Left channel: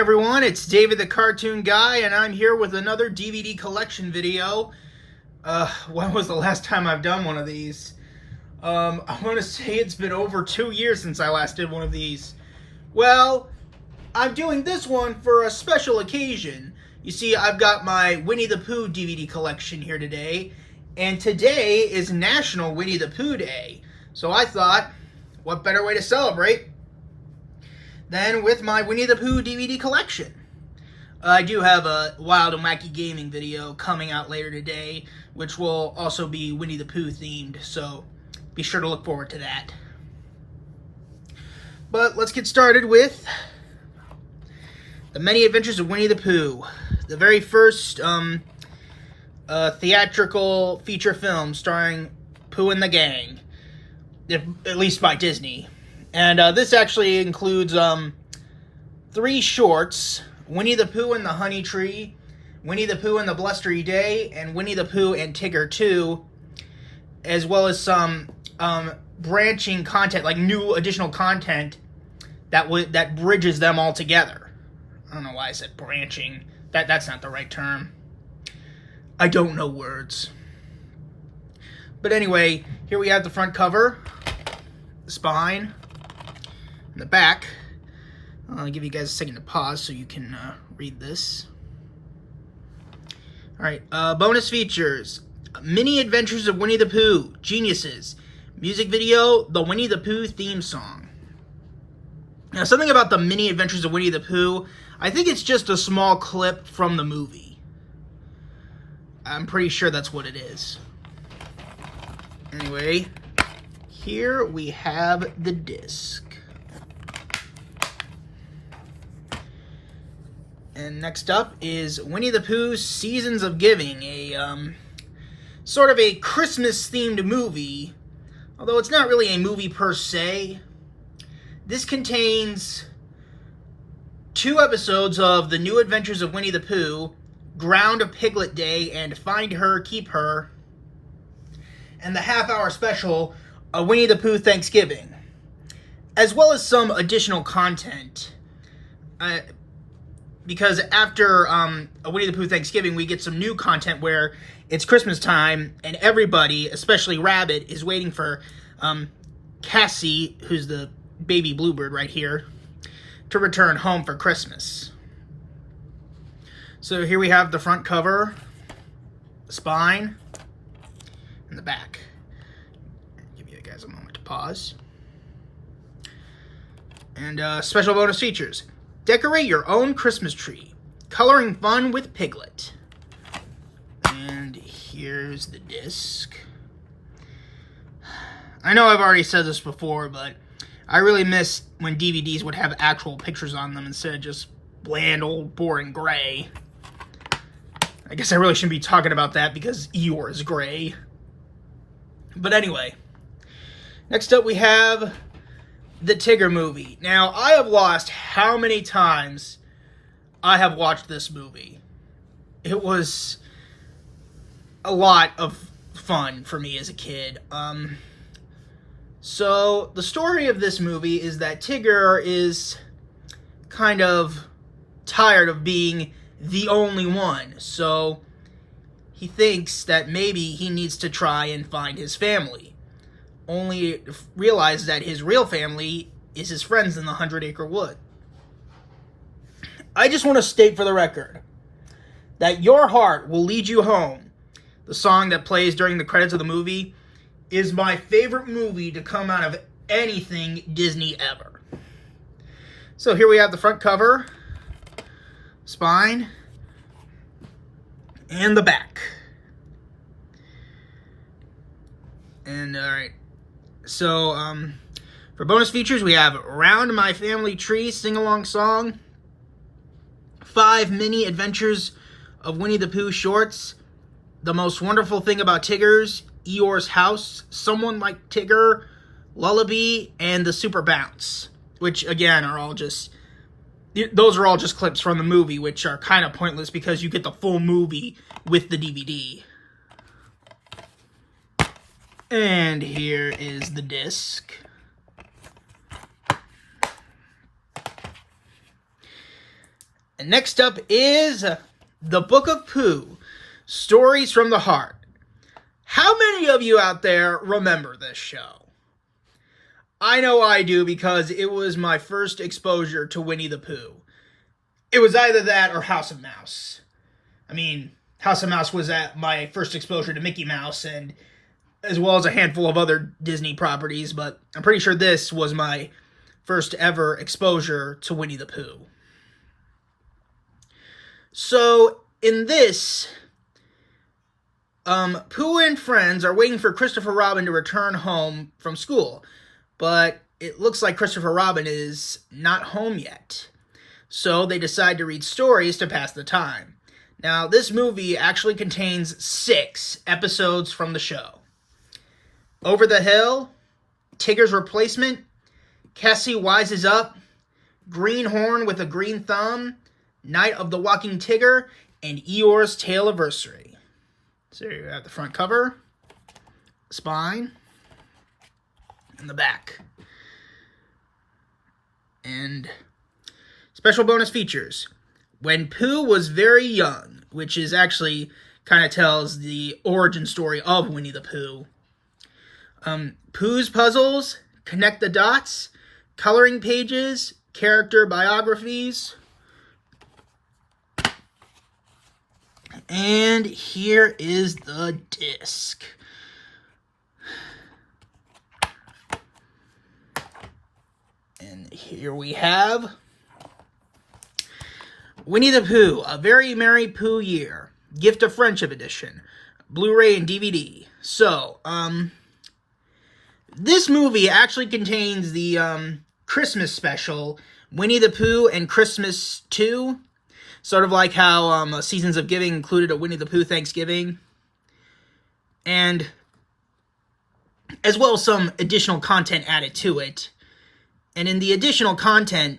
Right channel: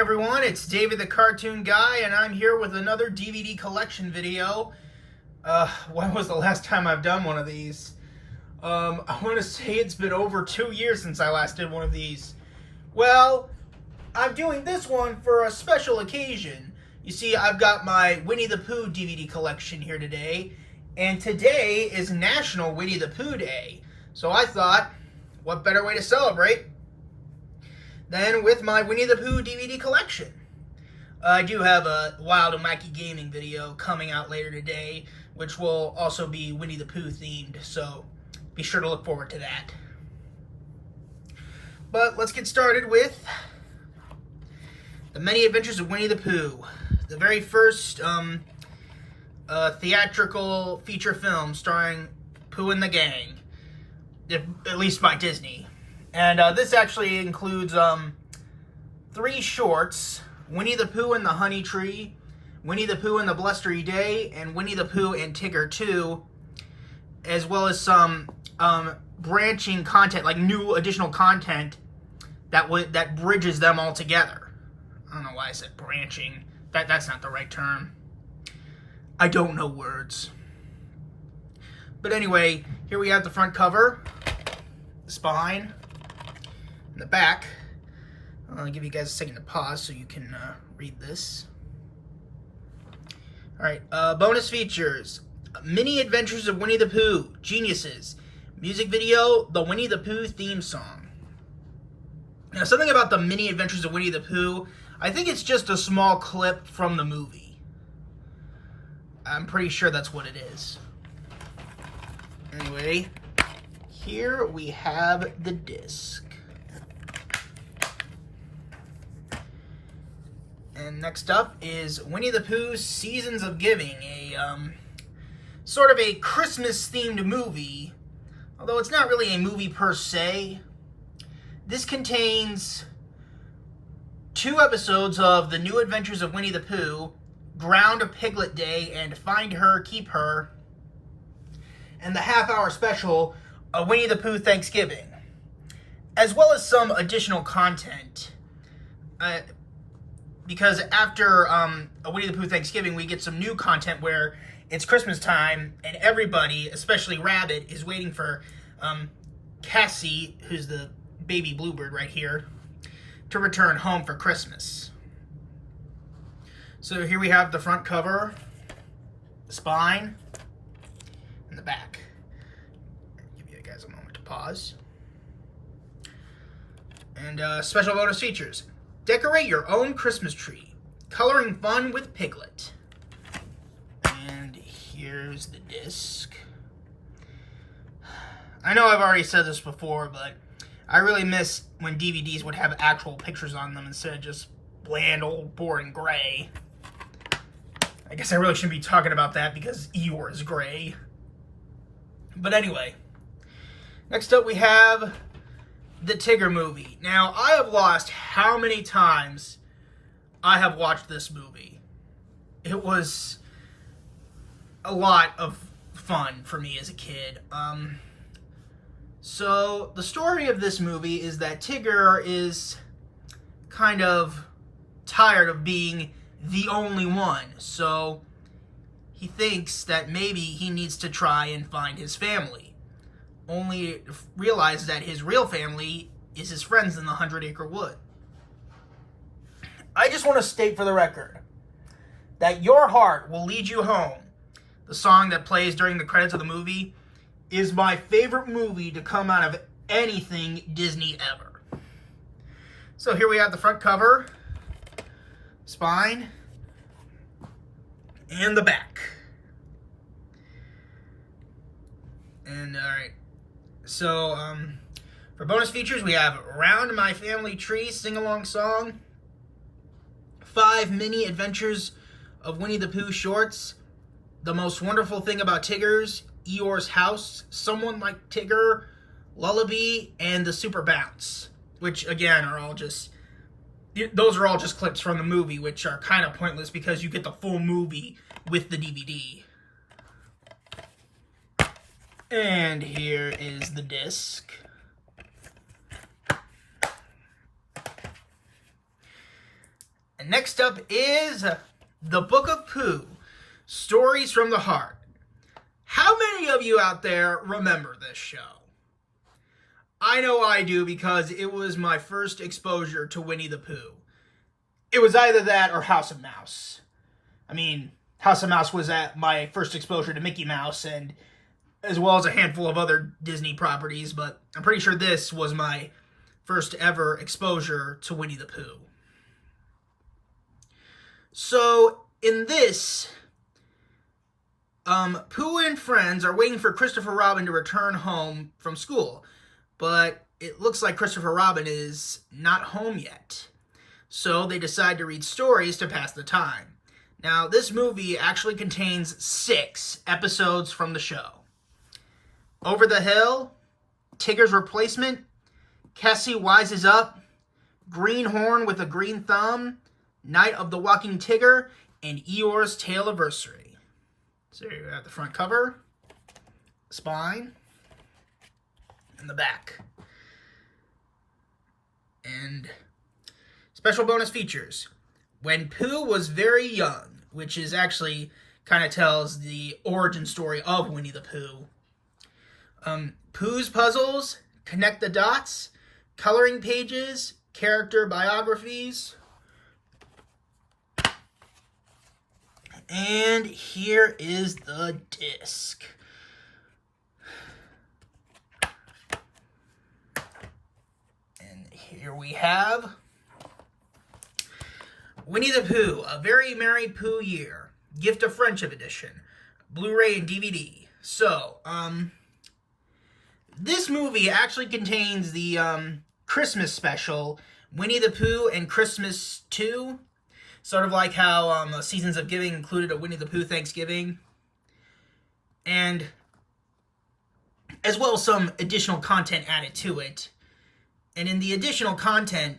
everyone, it's David the Cartoon Guy, and I'm here with another DVD collection video. When was the last time I've done one of these? I want to say it's been over 2 years since I last did one of these. Well, I'm doing this one for a special occasion. You see, I've got my Winnie the Pooh DVD collection here today, and today is National Winnie the Pooh Day. So I thought, what better way to celebrate than with my Winnie the Pooh DVD collection. I do have a Wild and Wacky Gaming video coming out later today, which will also be Winnie the Pooh themed, so be sure to look forward to that. But let's get started with The Many Adventures of Winnie the Pooh, the very first theatrical feature film starring Pooh and the Gang, at least by Disney. And this actually includes 3 shorts: Winnie the Pooh and the Honey Tree, Winnie the Pooh and the Blustery Day, and Winnie the Pooh and Tigger 2, as well as some branching content, like new additional content that bridges them all together. I don't know why I said branching. That's not the right term. I don't know words. But anyway, here we have the front cover, the spine, and the back. I'll give you guys a second to pause so you can read this. Alright, bonus features: Mini Adventures of Winnie the Pooh, Geniuses, music video, the Winnie the Pooh theme song. Now, something about the Mini Adventures of Winnie the Pooh, I think it's just a small clip from the movie. I'm pretty sure that's what it is. Anyway, here we have the disc. And next up is Winnie the Pooh's Seasons of Giving, a sort of a Christmas-themed movie, although it's not really a movie per se. This contains 2 episodes of The New Adventures of Winnie the Pooh, Ground Piglet Day, and Find Her, Keep Her, and the half-hour special, Winnie the Pooh Thanksgiving, as well as some additional content. Because after Winnie the Pooh Thanksgiving, we get some new content where it's Christmas time, and everybody, especially Rabbit, is waiting for Cassie, who's the baby bluebird right here, to return home for Christmas. So here we have the front cover, the spine, and the back. Give you guys a moment to pause. And special bonus features: decorate your own Christmas tree, coloring fun with Piglet. And here's the disc. I know I've already said this before, but I really miss when DVDs would have actual pictures on them instead of just bland, old, boring gray. I guess I really shouldn't be talking about that because Eeyore is gray. But anyway, next up we have the Tigger movie. Now, I have lost how many times I have watched this movie. It was a lot of fun for me as a kid. So, the story of this movie is that Tigger is kind of tired of being the only one. So, he thinks that maybe he needs to try and find his family. Only realize that his real family is his friends in the 100-Acre Wood. I just want to state for the record that Your Heart Will Lead You Home, the song that plays during the credits of the movie, is my favorite movie to come out of anything Disney ever. So here we have the front cover, spine, and the back. And alright. So, for bonus features, we have Round My Family Tree Sing-Along Song, 5 Mini Adventures of Winnie the Pooh shorts, The Most Wonderful Thing About Tigger's, Eeyore's House, Someone Like Tigger, Lullaby, and the Super Bounce, which, again, are all just clips from the movie, which are kind of pointless because you get the full movie with the DVD. And here is the disc. And next up is The Book of Pooh, Stories from the Heart. How many of you out there remember this show? I know I do because it was my first exposure to Winnie the Pooh. It was either that or House of Mouse. I mean, House of Mouse was at my first exposure to Mickey Mouse, and as well as a handful of other Disney properties, but I'm pretty sure this was my first ever exposure to Winnie the Pooh. So, in this, Pooh and friends are waiting for Christopher Robin to return home from school, but it looks like Christopher Robin is not home yet. So they decide to read stories to pass the time. Now, this movie actually contains 6 episodes from the show. Over the Hill, Tigger's Replacement, Cassie Wises Up, Greenhorn with a Green Thumb, Night of the Walking Tigger, and Eeyore's Tale-Anniversary. So here you have the front cover, the spine, and the back. And special bonus features. When Pooh was very young, which is actually kind of tells the origin story of Winnie the Pooh. Pooh's Puzzles, Connect the Dots, Coloring Pages, Character Biographies. And here is the disc. And here we have Winnie the Pooh, A Very Merry Pooh Year, Gift of Friendship Edition, Blu-ray and DVD. So, this movie actually contains the Christmas special, Winnie the Pooh and Christmas 2. Sort of like how Seasons of Giving included a Winnie the Pooh Thanksgiving. And as well as some additional content added to it. And in the additional content,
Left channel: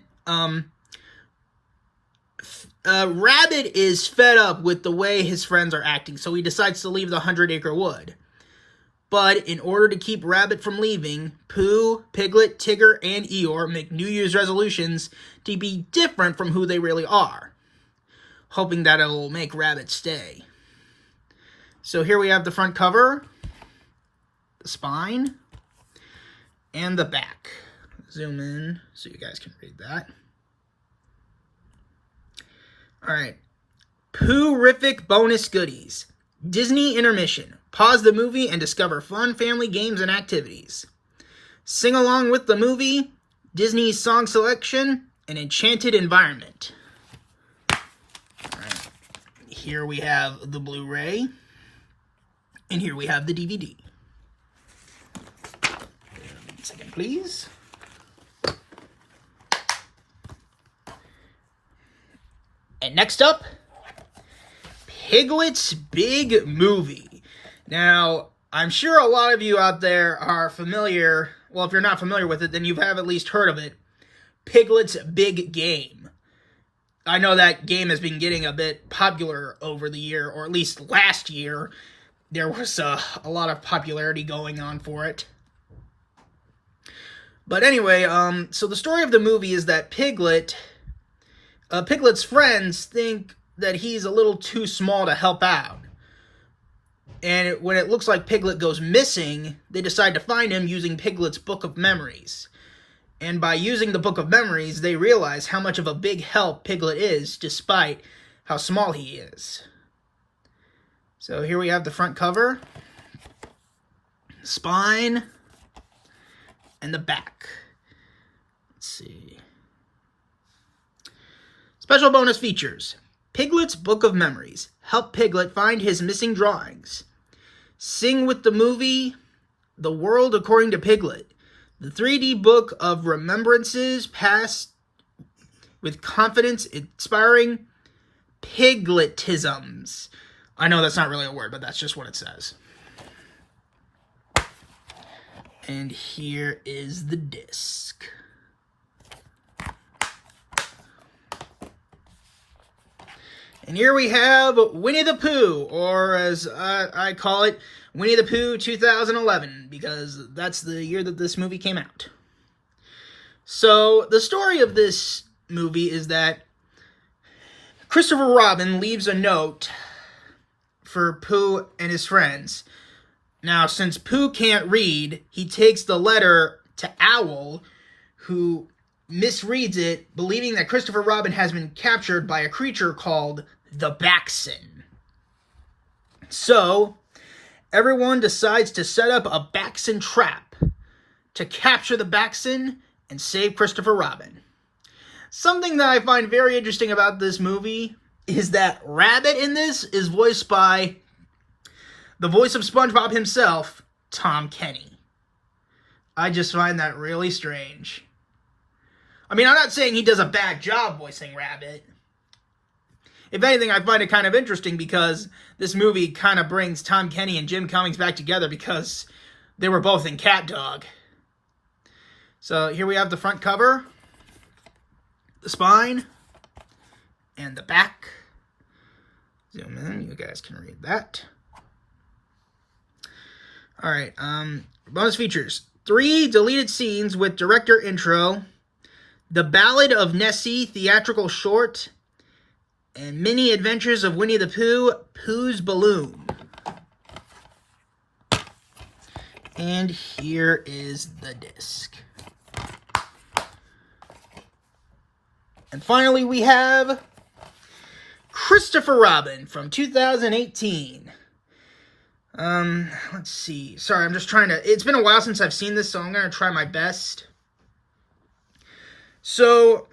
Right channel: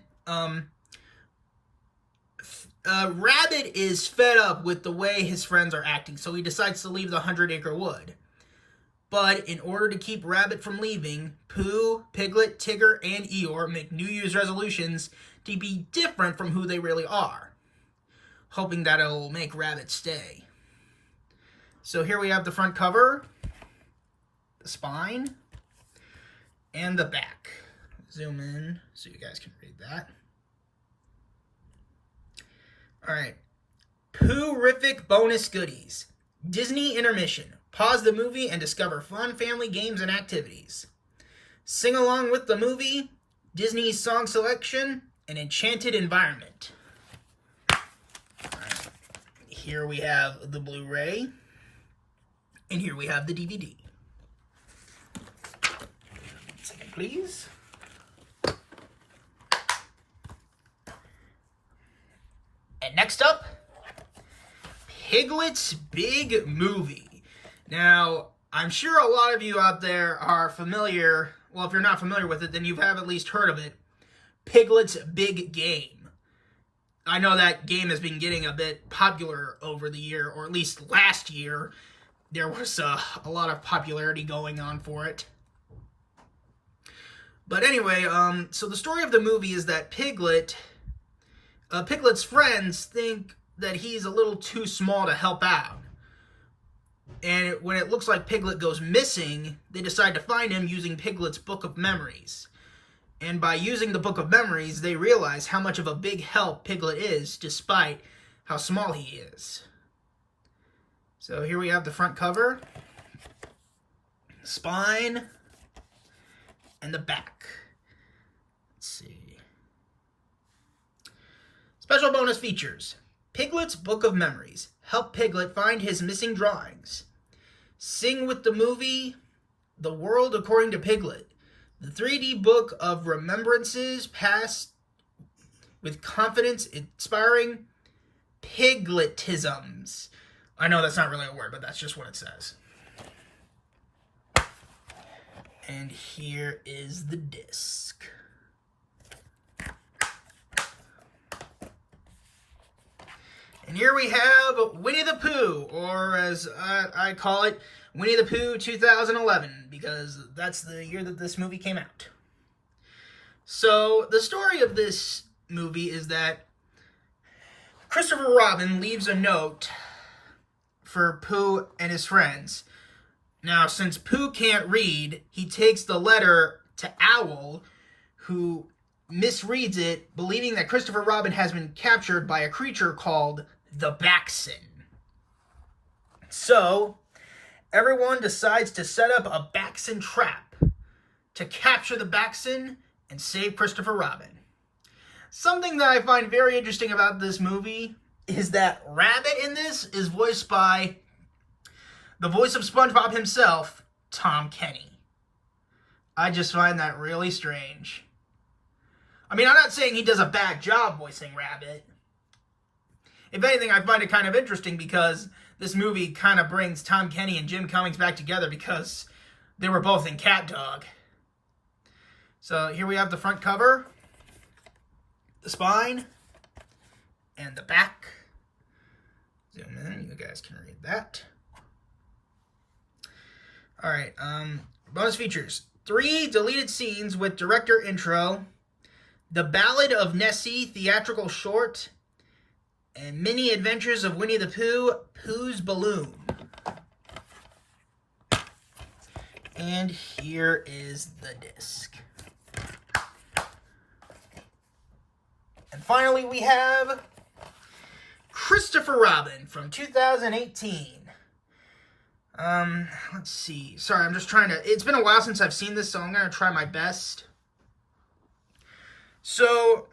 Rabbit is fed up with the way his friends are acting, so he decides to leave the 100-acre wood. But in order to keep Rabbit from leaving, Pooh, Piglet, Tigger, and Eeyore make New Year's resolutions to be different from who they really are, hoping that it'll make Rabbit stay. So here we have the front cover, the spine, and the back. Zoom in so you guys can read that. Alright. Pooh-rific bonus goodies. Disney intermission. Pause the movie and discover fun family games and activities. Sing along with the movie, Disney song selection, and enchanted environment. Alright. Here we have the Blu-ray. And here we have the DVD. 1 second, please. And next up, Piglets Big Movie. Now, I'm sure a lot of you out there are familiar, well, if you're not familiar with it, then you have at least heard of it, Piglets Big Game. I know that game has been getting a bit popular over the year, or at least last year. There was a lot of popularity going on for it. But anyway, so the story of the movie is that Piglet's friends think that he's a little too small to help out. And when it looks like Piglet goes missing, they decide to find him using Piglet's Book of Memories. And by using the Book of Memories, they realize how much of a big help Piglet is, despite how small he is. So here we have the front cover, spine, and the back. Let's see. Special bonus features. Piglet's Book of Memories. Help Piglet find his missing drawings. Sing with the movie, The World According to Piglet. The 3D Book of Remembrances passed with confidence inspiring Pigletisms. I know that's not really a word, but that's just what it says. And here is the disc. And here we have Winnie the Pooh, or as I call it, Winnie the Pooh 2011, because that's the year that this movie came out. So, the story of this movie is that Christopher Robin leaves a note for Pooh and his friends. Now, since Pooh can't read, he takes the letter to Owl, who misreads it, believing that Christopher Robin has been captured by a creature called the Baxen. So, everyone decides to set up a Baxen trap to capture the Baxen and save Christopher Robin. Something that I find very interesting about this movie is that Rabbit in this is voiced by the voice of SpongeBob himself, Tom Kenny. I just find that really strange. I mean, I'm not saying he does a bad job voicing Rabbit. If anything, I find it kind of interesting because this movie kind of brings Tom Kenny and Jim Cummings back together because they were both in Cat Dog. So here we have the front cover, the spine, and the back. Zoom in, you guys can read that. Alright, bonus features. 3 deleted scenes with director intro, The Ballad of Nessie theatrical short, and Mini Adventures of Winnie the Pooh, Pooh's Balloon. And here is the disc. And finally, we have Christopher Robin from 2018. Let's see. Sorry, I'm just trying to... It's been a while since I've seen this, so I'm going to try my best. So,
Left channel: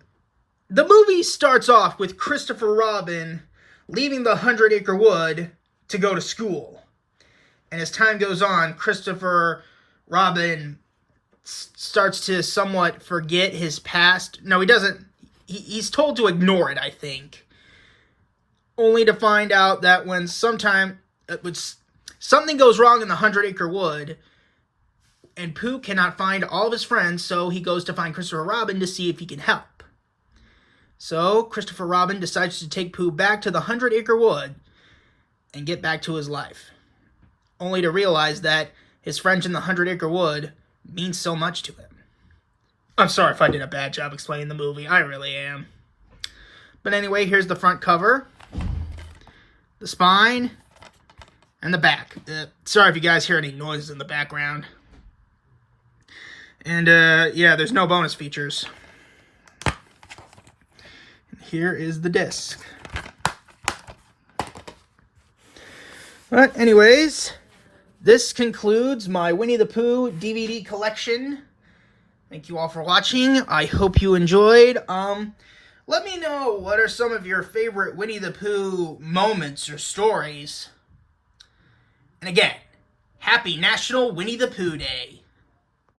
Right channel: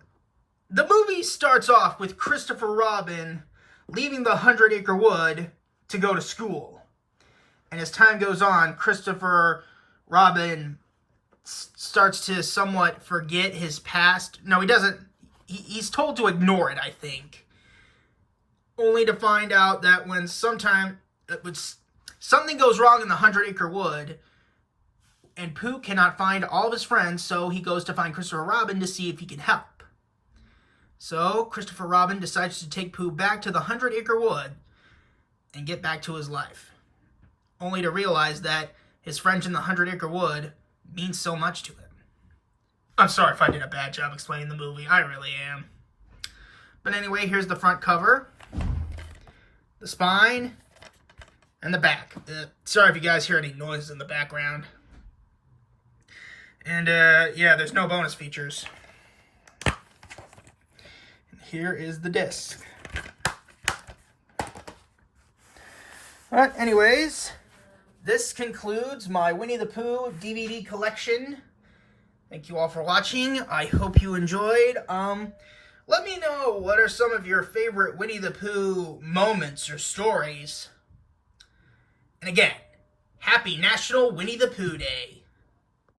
the movie starts off with Christopher Robin leaving the 100-acre wood to go to school. And as time goes on, Christopher Robin starts to somewhat forget his past. No, he doesn't. He's told to ignore it, I think. Only to find out that when something goes wrong in the 100-acre wood, and Pooh cannot find all of his friends, so he goes to find Christopher Robin to see if he can help. So, Christopher Robin decides to take Pooh back to the 100-acre wood and get back to his life. Only to realize that his friends in the 100-acre wood mean so much to him. I'm sorry if I did a bad job explaining the movie. I really am. But anyway, here's the front cover, the spine, and the back. Sorry if you guys hear any noises in the background. And, yeah, there's no bonus features. Here is the disc. But anyways, this concludes my Winnie the Pooh DVD collection. Thank you all for watching. I hope you enjoyed. Let me know what are some of your favorite Winnie the Pooh moments or stories. And again, happy National Winnie the Pooh Day.